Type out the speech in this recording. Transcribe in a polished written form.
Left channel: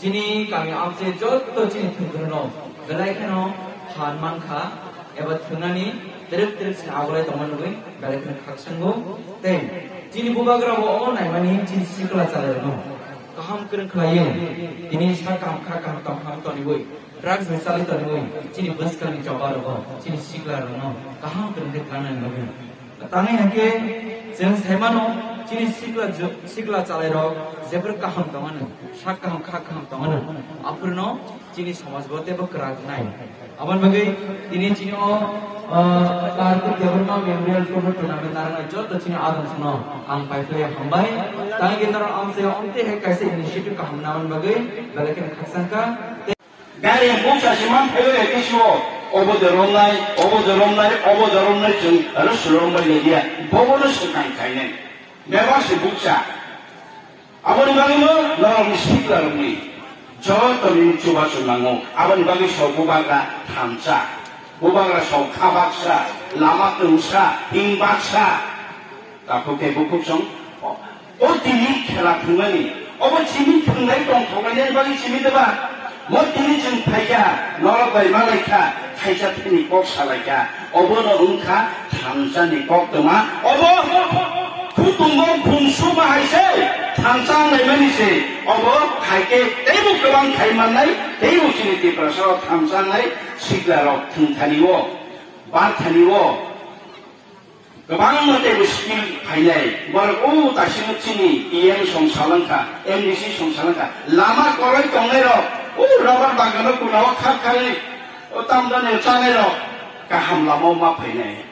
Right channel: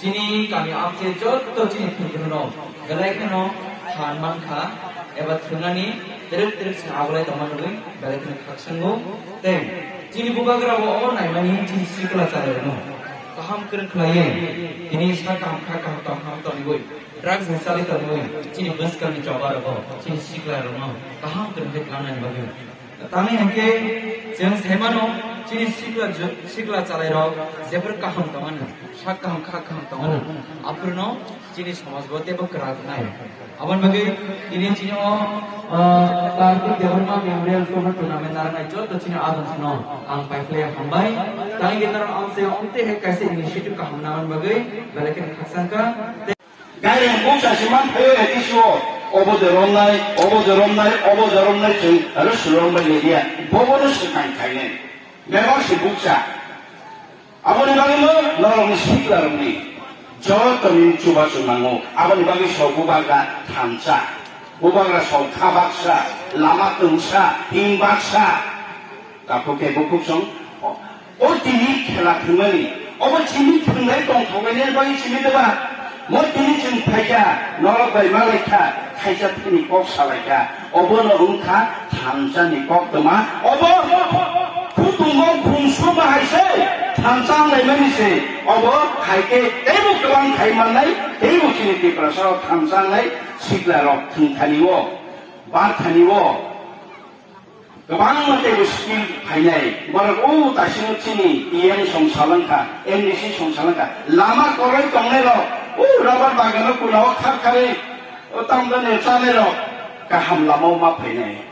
Cini kami abse jod to cini pinjono, belai keno hanman kha, ebat thunani teruk sagulai teman gue, belai keno kaksango, teng cini bubagra wo naimani cini sikla cale no, kaham keren kelaye, ini sakam kaham toni gue, drugs misali toni gue, cini bus kami coba rogo, cini sikla no, kaham keren kekanai bagai, tangi hangke jeng semano. Cini sikla cale rok, zeber kaham tangan, sak kaham tangan. Apurno cini samas bote bergerak naik. Aban bagai ini cini kartu development memorial tournament narang aja, tu cini adum seno, ang pai play hambai. Tangi kita orang amse omte he kaise inisiatif kaham naman bagai, balikin kaksangka. Gaya yang bukan siman hewe isu. Obo jaron nai jeng, lalu suruh nai dia, bonus sekan kainen. Memang sebuksa. Apa ni bagi lo? Orang istiqlal ni. Jauh temin cuba cumango. Apa ni bagi so bubaga tansa, bubaga so kabaksa, lama tungsa, hingbaksa. Tapi ke buku song. Oh tini kena kembali. Apa tini kembali tong kembali bagi sini tu bah. Mau tini jeng kaya, nolok dari malaikat. Kaya tini kok salaikat. Apa lo ungka tansa ni kok tu mah. Apa? Kutungong kungsu mahayse, tanjang nai manise, obo kaike, tebu kebang kaiman nai, tebu sini di prasaro tanjang nai, siglarok tingkaniwo, bataniwo, kebang tebu skill kainai, baru tasinu sini, EM song salangka, MDC song salangka, lama korek tongnero, lawan bagano kunawa kar kare, tamdan echanero, kaham lama ma kainai.